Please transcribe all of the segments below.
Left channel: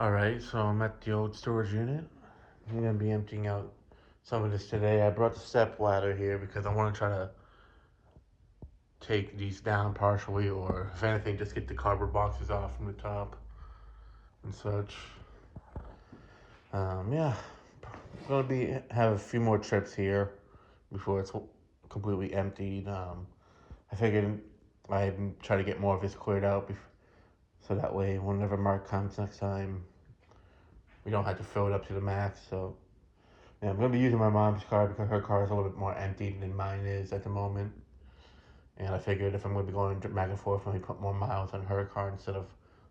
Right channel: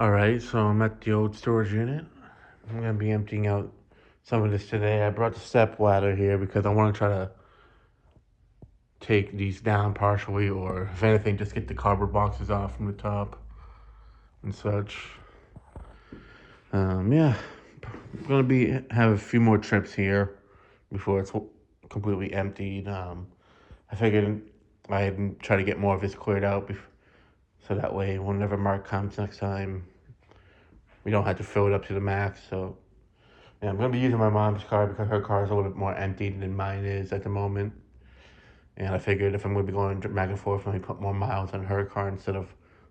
Alright, so I'm at the old storage unit. I'm gonna be emptying out some of this today. I brought the step ladder here because I want to try to take these down partially, or if anything, just get the cardboard boxes off from the top and such. Yeah, I'm gonna be have a few more trips here before it's completely emptied. I figured I'd try to get more of this cleared out, so that way, whenever Mark comes next time, we don't have to fill it up to the max. So yeah, I'm gonna be using my mom's car because her car is a little bit more empty than mine is at the moment. And I figured if I'm gonna be going back and forth, let me put more miles on her car instead of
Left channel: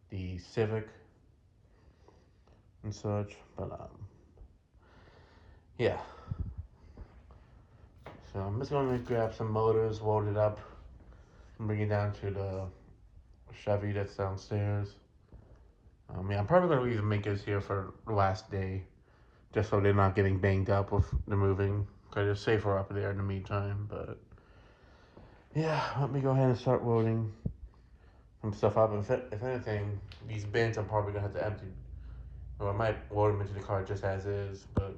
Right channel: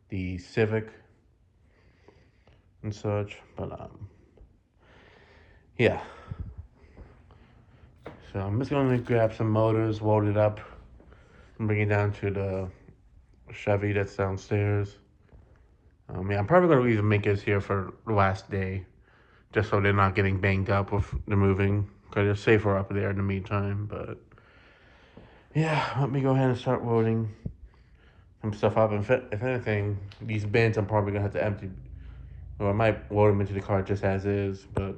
the Civic and such. But yeah. So I'm just gonna grab some motors, load it up, and bring it down to the Chevy that's downstairs. Yeah, I'm probably gonna leave the Minkas here for the last day, just so they're not getting banged up with the moving. Cause it's safer up there in the meantime. But yeah, let me go ahead and start loading some stuff up. And if anything, these bins I'm probably gonna have to empty. Or I might load them into the car just as is, but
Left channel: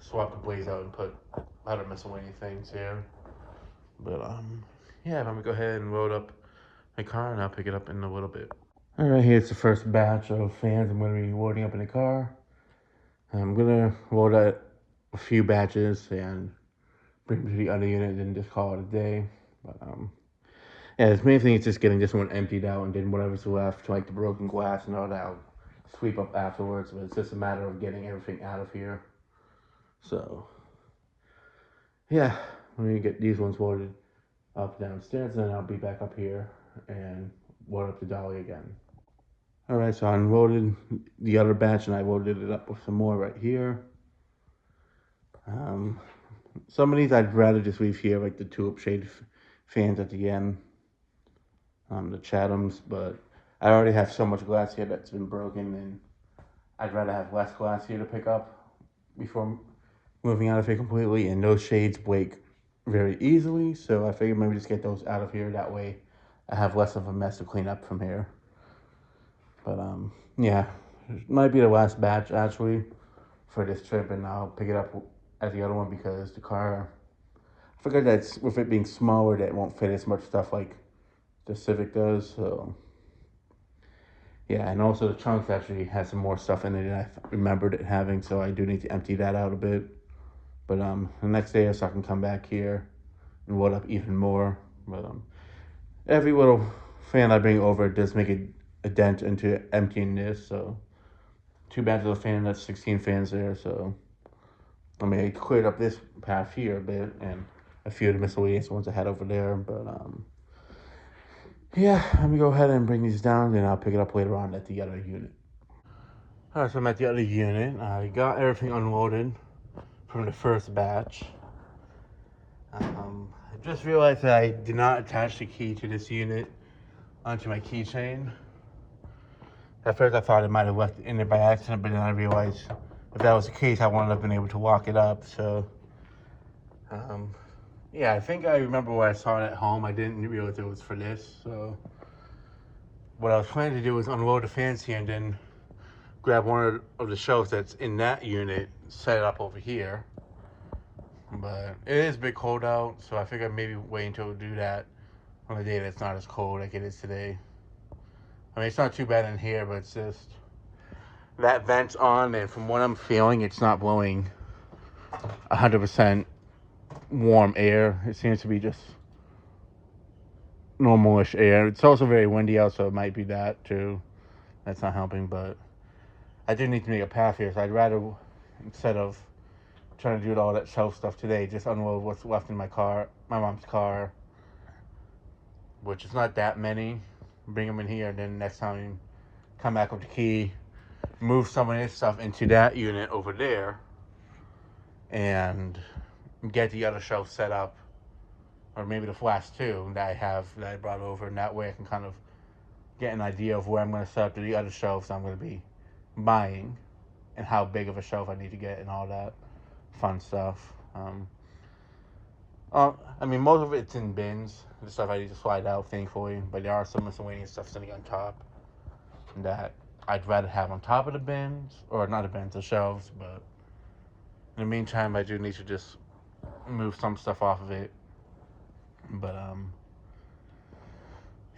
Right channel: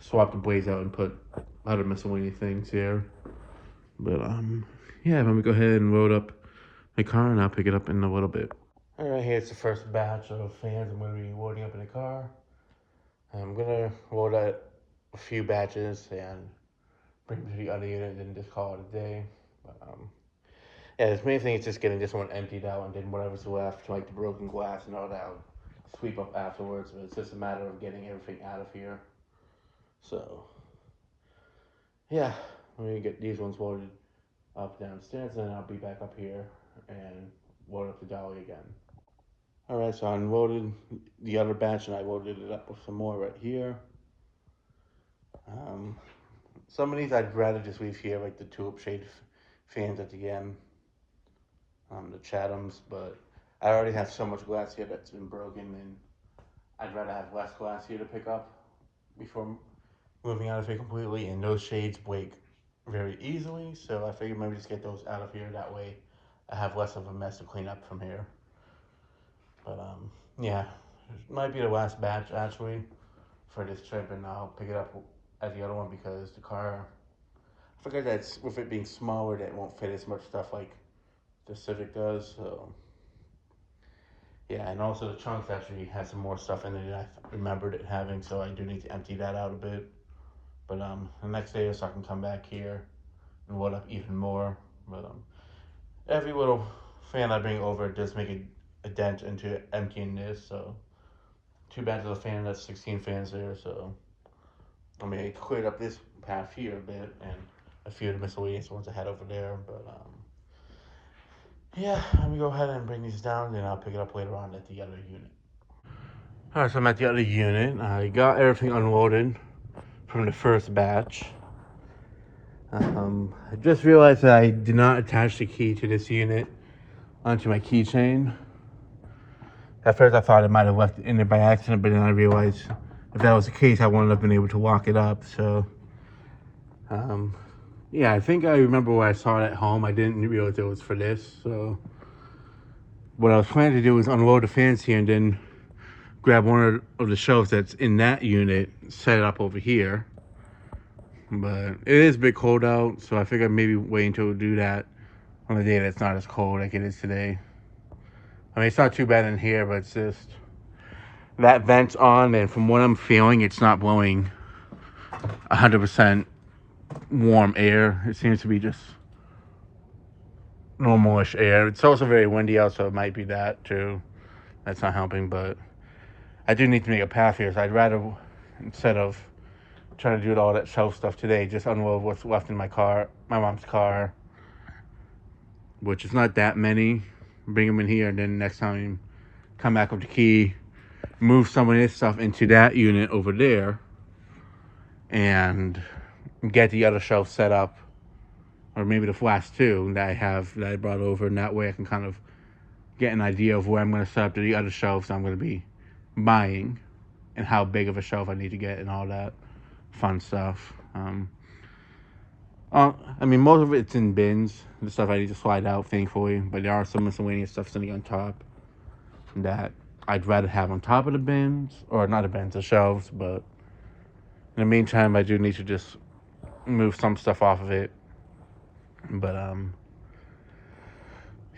swap the blades out and put other miscellaneous things here. But yeah, let me go ahead and load up the car, and I'll pick it up in a little bit. All right, here's the first batch of fans I'm gonna be loading up in the car. I'm gonna load out a few batches and bring them to the other unit, and then just call it a day. But yeah, the main thing is just getting this one emptied out, and then whatever's left, like the broken glass and all that, I'll sweep up afterwards. But it's just a matter of getting everything out of here. So yeah, let me get these ones loaded up downstairs, and then I'll be back up here and load up the dolly again. All right, so I unloaded the other batch, and I loaded it up with some more right here. Um, some of these I'd rather just leave here, like the tulip shade fans at the end, the Chathams, but I already have so much glass here that's been broken, and I'd rather have less glass here to pick up before moving out of here completely. And those shades break very easily, so I figured maybe just get those out of here. That way, I have less of a mess to clean up from here. But yeah, it might be the last batch actually for this trip, and I'll pick it up at the other one because the car. I figured that with it being smaller, that it won't fit as much stuff like the Civic does. So yeah, and also the trunk actually has some more stuff in it than I remembered it having, so I do need to empty that out a bit. But the next day, so I can come back here and load up even more. But every little fan I bring over does make a dent into emptying this. So too bad for the fan. That's 16 fans there. So I mean, I cleared up this path here a bit and a few of the miscellaneous ones I had over there. But yeah, let me go ahead and bring these down, and I'll pick it up later on at the other unit. All right, so I'm at the other unit. I got everything unloaded from the first batch. I just realized that I did not attach the key to this unit onto my keychain. At first, I thought I might have left it in there by accident, but then I realized if that was the case, I wouldn't have been able to lock it up. So, um, yeah, I think I remember when I saw it at home. I didn't realize it was for this. So, what I was planning to do was unload the fans here and then grab one of the shelves that's in that unit, set it up over here. But it is a bit cold out, so I figured maybe wait until we do that on a day that's not as cold like it is today. I mean, it's not too bad in here, but it's just that vent's on, and from what I'm feeling, it's not blowing 100% warm air. It seems to be just normalish air. It's also very windy out, so it might be that too. That's not helping, but I do need to make a path here, so I'd rather, instead of trying to do all that shelf stuff today, just unload what's left in my car, my mom's car, which is not that many. Bring them in here, and then next time come back with the key, move some of this stuff into that unit over there, and get the other shelf set up, or maybe the last two that I brought over, and that way I can kind of get an idea of where I'm going to set up the other shelves I'm going to be buying, and how big of a shelf I need to get, and all that fun stuff. I mean, most of it's in bins. The stuff I need to slide out, thankfully, but there are some miscellaneous stuff sitting on top from that. I'd rather have on top of the bins, or not the bins, the shelves. But in the meantime, I do need to just move some stuff off of it. But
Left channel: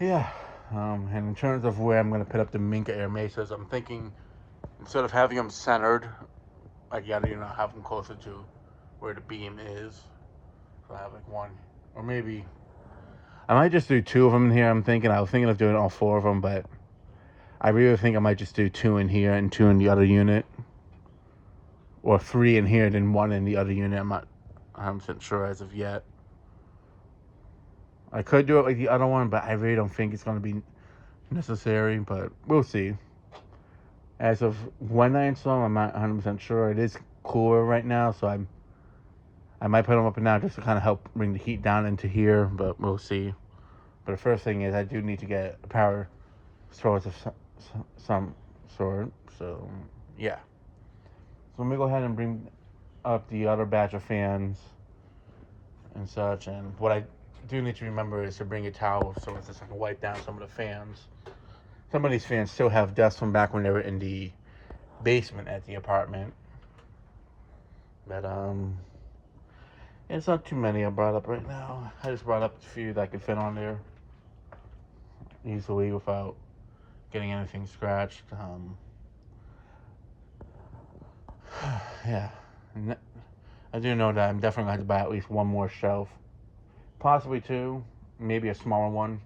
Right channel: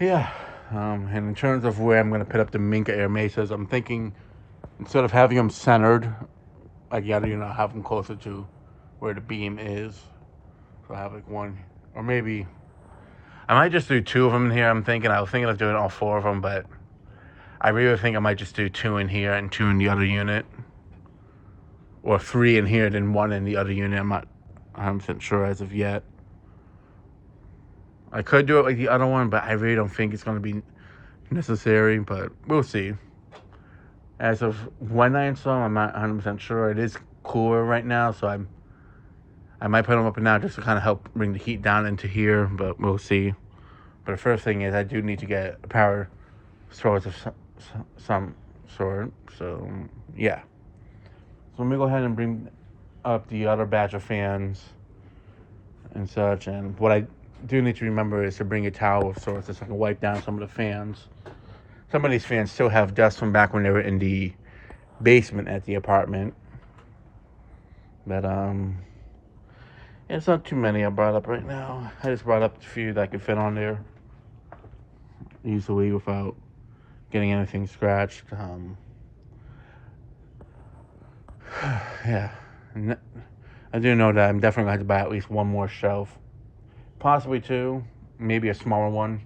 yeah. And in terms of where I'm gonna put up the Minka Air Mesas, I'm thinking instead of having them centered, I gotta have them closer to where the beam is. So I have like one, or maybe I might just do two of them in here. I was thinking of doing all four of them, but I really think I might just do two in here and two in the other unit, or three in here, then one in the other unit. I'm not 100% sure as of yet. I could do it like the other one, but I really don't think it's going to be necessary, but we'll see. As of when I install, I'm not 100% sure. It is cooler right now, so I might put them up and down just to kind of help bring the heat down into here, but we'll see. But the first thing is I do need to get a power source of some sort, so yeah. So let me go ahead and bring up the other batch of fans and such, and what I do need to remember is to bring a towel of sorts so I can wipe down some of the fans. Some of these fans still have dust from back when they were in the basement at the apartment. But it's not too many I brought up right now. I just brought up a few that I could fit on there easily without getting anything scratched. Yeah. I do know that I'm definitely going to have to buy at least one more shelf. Possibly two. Maybe a smaller one.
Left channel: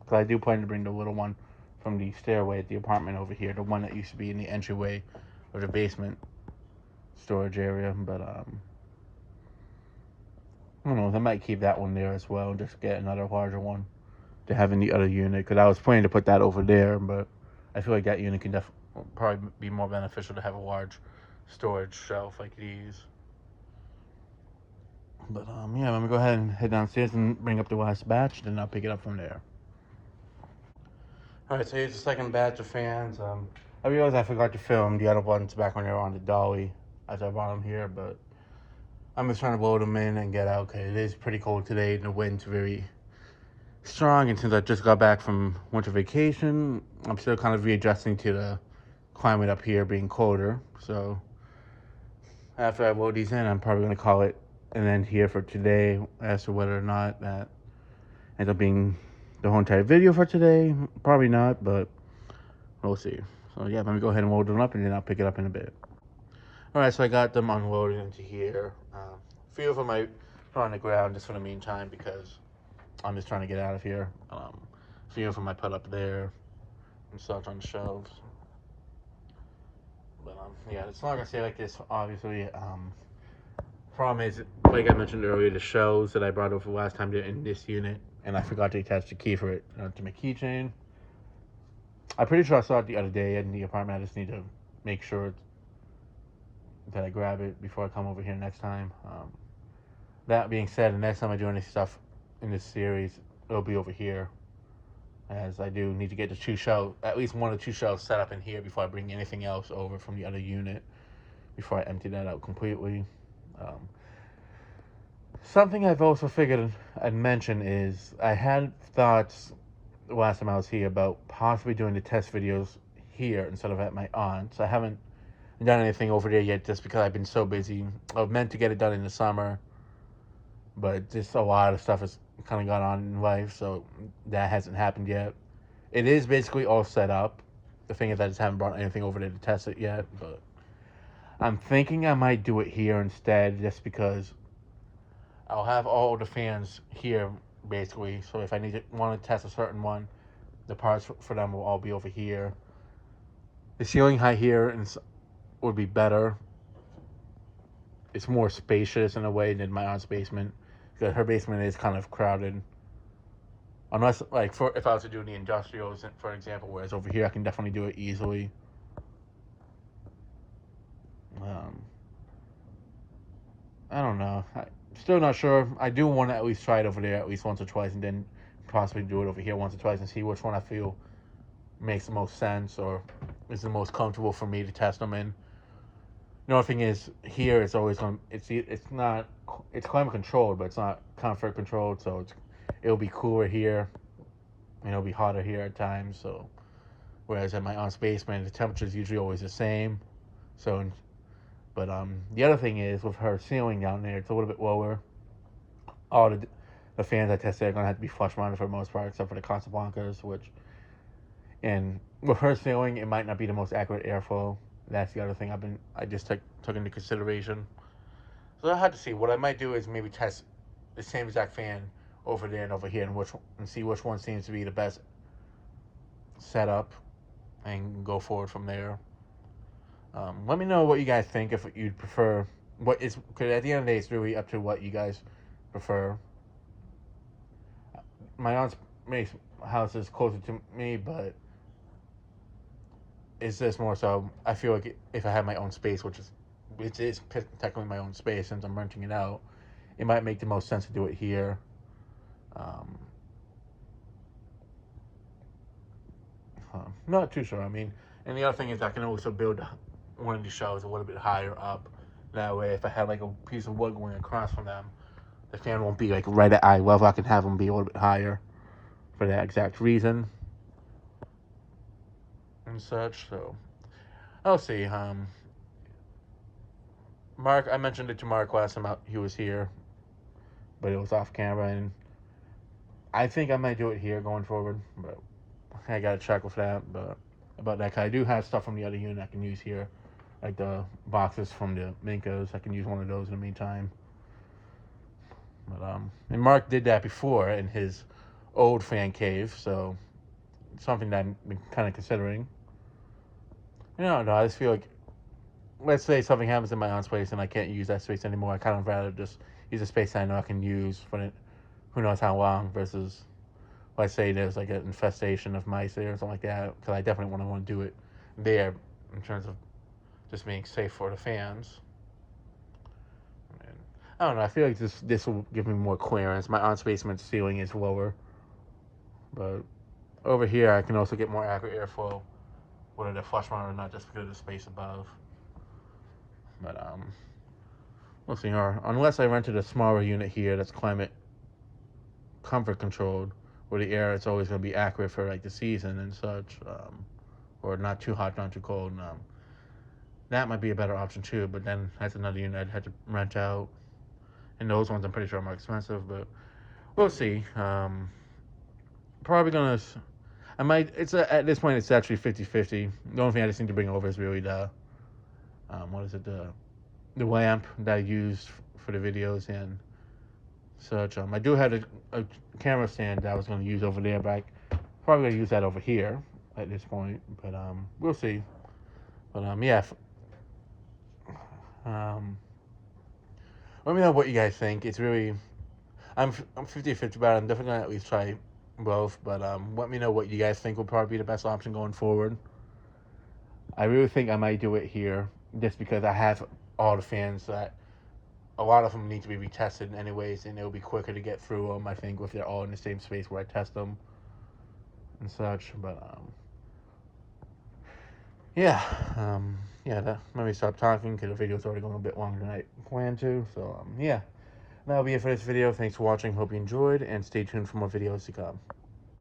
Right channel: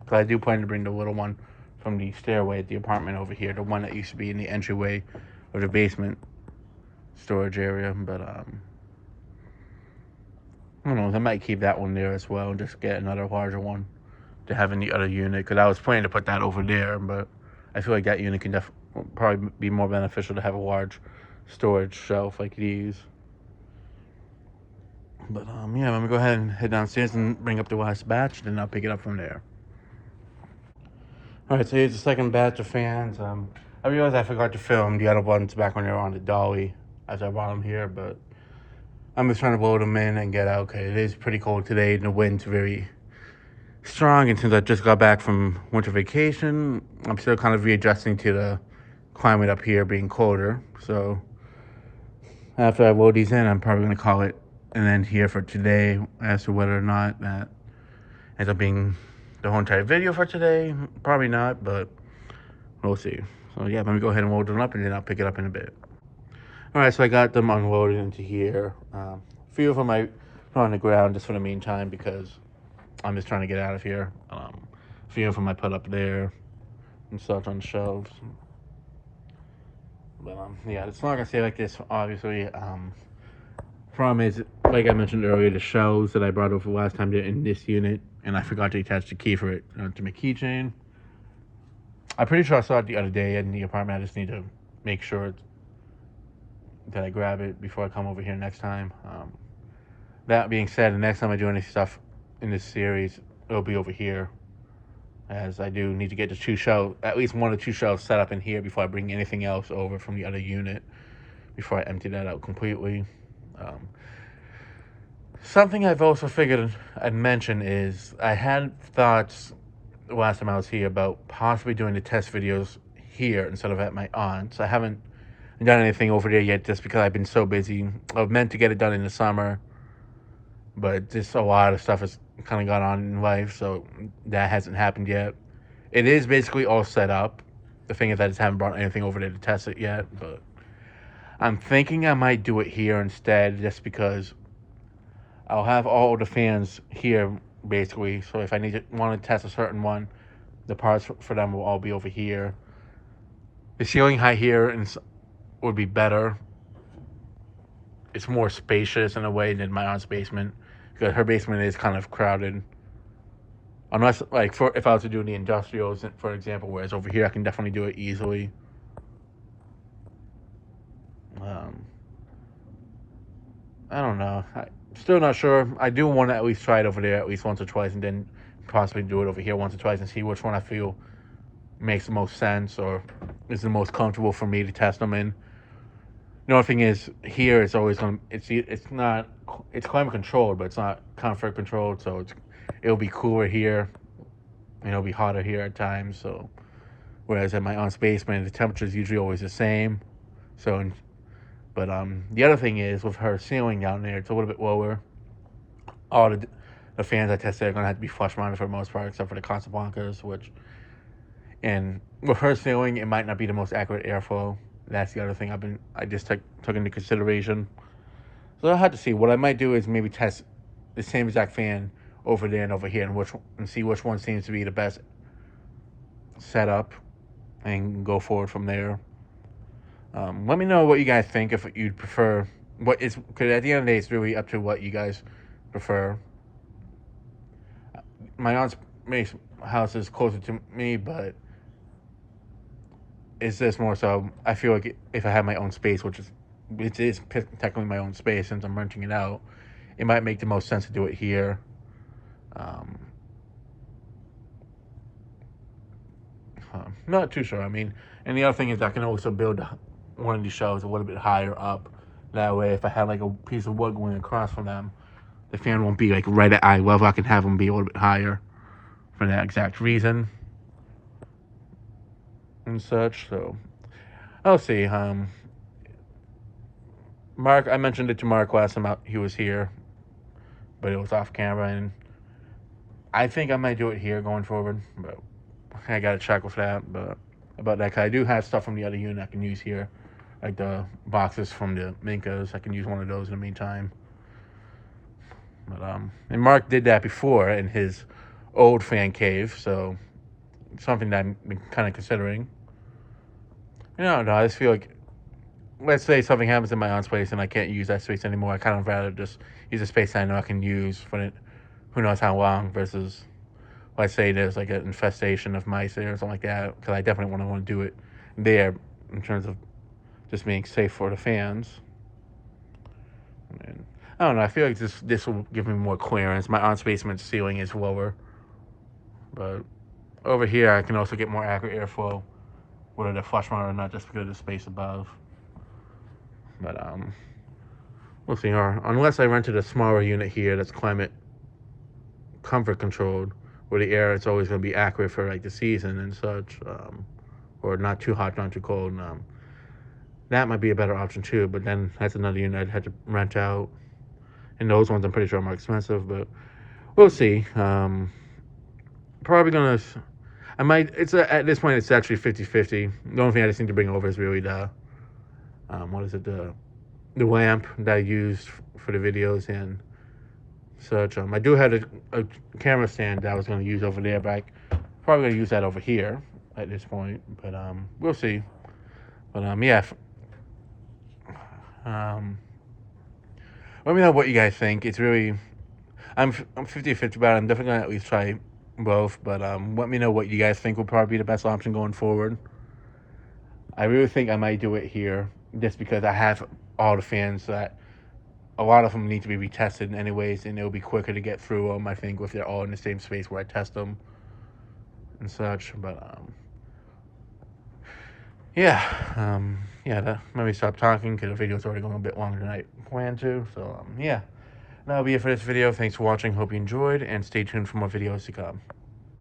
Because I do plan to bring the little one from the stairway at the apartment over here. The one that used to be in the entryway or the basement storage area. But, I don't know. I might keep that one there as well and just get another larger one to have in the other unit. Because I was planning to put that over there. But I feel like that unit can probably be more beneficial to have a large storage shelf like these. But yeah, I'm gonna go ahead and head downstairs and bring up the last batch, then I'll pick it up from there. All right, so here's the second batch of fans. I realized I forgot to film the other ones back when they were on the dolly as I brought them here, but I'm just trying to load them in and get out. Okay, it is pretty cold today, and the wind's very strong. And since I just got back from winter vacation, I'm still kind of readjusting to the climate up here being colder. So after I load these in, I'm probably gonna call it an end here for today as to whether or not that ends up being the whole entire video for today. Probably not, but we'll see. So yeah, let me go ahead and load them up and then I'll pick it up in a bit. Alright, so I got them unloaded into here. A few of them I put on the ground just for the meantime because I'm just trying to get out of here. A few of them I put up there and stuff on the shelves. But yeah, it's not gonna stay like this, obviously. Problem is, like I mentioned earlier, the shelves that I brought over last time, they're in this unit, and I forgot to attach the key for it to my keychain. I'm pretty sure I saw it the other day in the apartment. I just need to make sure that I grab it before I come over here next time. That being said, the next time I do any stuff in this series, it'll be over here, as I do need to get the two shelves, at least one or two shelves set up in here before I bring anything else over from the other unit, before I empty that out completely. Something I've also figured I'd mention is I had thoughts the last time I was here about possibly doing the test videos here instead of at my aunt's. I haven't done anything over there yet just because I've been so busy. I've meant to get it done in the summer, but just a lot of stuff has kind of gone on in life, so that hasn't happened yet. It is basically all set up. The thing is I just haven't brought anything over there to test it yet, but I'm thinking I might do it here instead just because I'll have all the fans here basically. So if I want to test a certain one, the parts for them will all be over here. The ceiling height here would be better. It's more spacious in a way than my aunt's basement because her basement is kind of crowded. Unless, like, if I was to do the industrials, for example, whereas over here I can definitely do it easily. I don't know. I'm still not sure. I do want to at least try it over there at least once or twice, and then possibly do it over here once or twice and see which one I feel makes the most sense or is the most comfortable for me to test them in. The only thing is, here it's always going to, it's climate controlled, but it's not comfort controlled, so it'll be cooler here, and it'll be hotter here at times, so whereas at my aunt's basement, the temperature is usually always the same. So, but the other thing is with her ceiling down there, it's a little bit lower. All the fans I tested are gonna have to be flush mounted for the most part, except for the Casablancas, which, and with her ceiling, it might not be the most accurate airflow. That's the other thing I just took into consideration. So I had to see. What I might do is maybe test the same exact fan over there and over here, and see which one seems to be the best setup, and go forward from there. Let me know what you guys think. If you'd prefer because at the end of the day, it's really up to what you guys prefer. My aunt's house is closer to me, but it's just more so. I feel like if I have my own space, which is it is technically my own space since I'm renting it out, it might make the most sense to do it here. Um, Not too sure. I mean, and the other thing is I can also build one of these shelves a little bit higher up. That way, if I have like a piece of wood going across from them, the fan won't be like right at eye level. I can have them be a little bit higher for that exact reason and such. So I'll see. Mark, I mentioned it to Mark last time he was here, but it was off camera, and I think I might do it here going forward. But I gotta check with that. But about that, cause I do have stuff from the other unit I can use here, like the boxes from the Minkas. I can use one of those in the meantime. But and Mark did that before in his old fan cave, so it's something that I'm kind of considering. You know, no, I just feel like, let's say something happens in my aunt's place and I can't use that space anymore. I kind of rather just use a space I know I can use for it, who knows how long, versus let's say there's like an infestation of mice there or something like that, because I definitely want to do it there in terms of just being safe for the fans. And I don't know. I feel like this will give me more clearance. My aunt's basement ceiling is lower, but over here I can also get more accurate airflow, whether they're flush mounted or not, just because of the space above. But we'll see. Or unless I rented a smaller unit here that's climate comfort controlled, where the air is always going to be accurate for like the season and such, or not too hot, not too cold. That might be a better option too. But then that's another unit I'd have to rent out, and those ones I'm pretty sure are more expensive. But we'll see. Probably gonna. I might. At this point it's actually 50-50. The only thing I just need to bring over is really the what is it, the lamp that I used for the videos and such. I do have a camera stand that I was going to use over there, but I probably going to use that over here at this point. But we'll see. But yeah. Let me know what you guys think. It's really, I'm 50-50 about it. I'm definitely going to at least try both. But let me know what you guys think will probably be the best option going forward. I really think I might do it here, just because I have all the fans that a lot of them need to be retested anyways, and it'll be quicker to get through them, I think, if they're all in the same space where I test them and such. But yeah, let me stop talking because the video's already going a bit longer than I planned to. So yeah, that'll be it for this video. Thanks for watching. Hope you enjoyed, and stay tuned for more videos to come.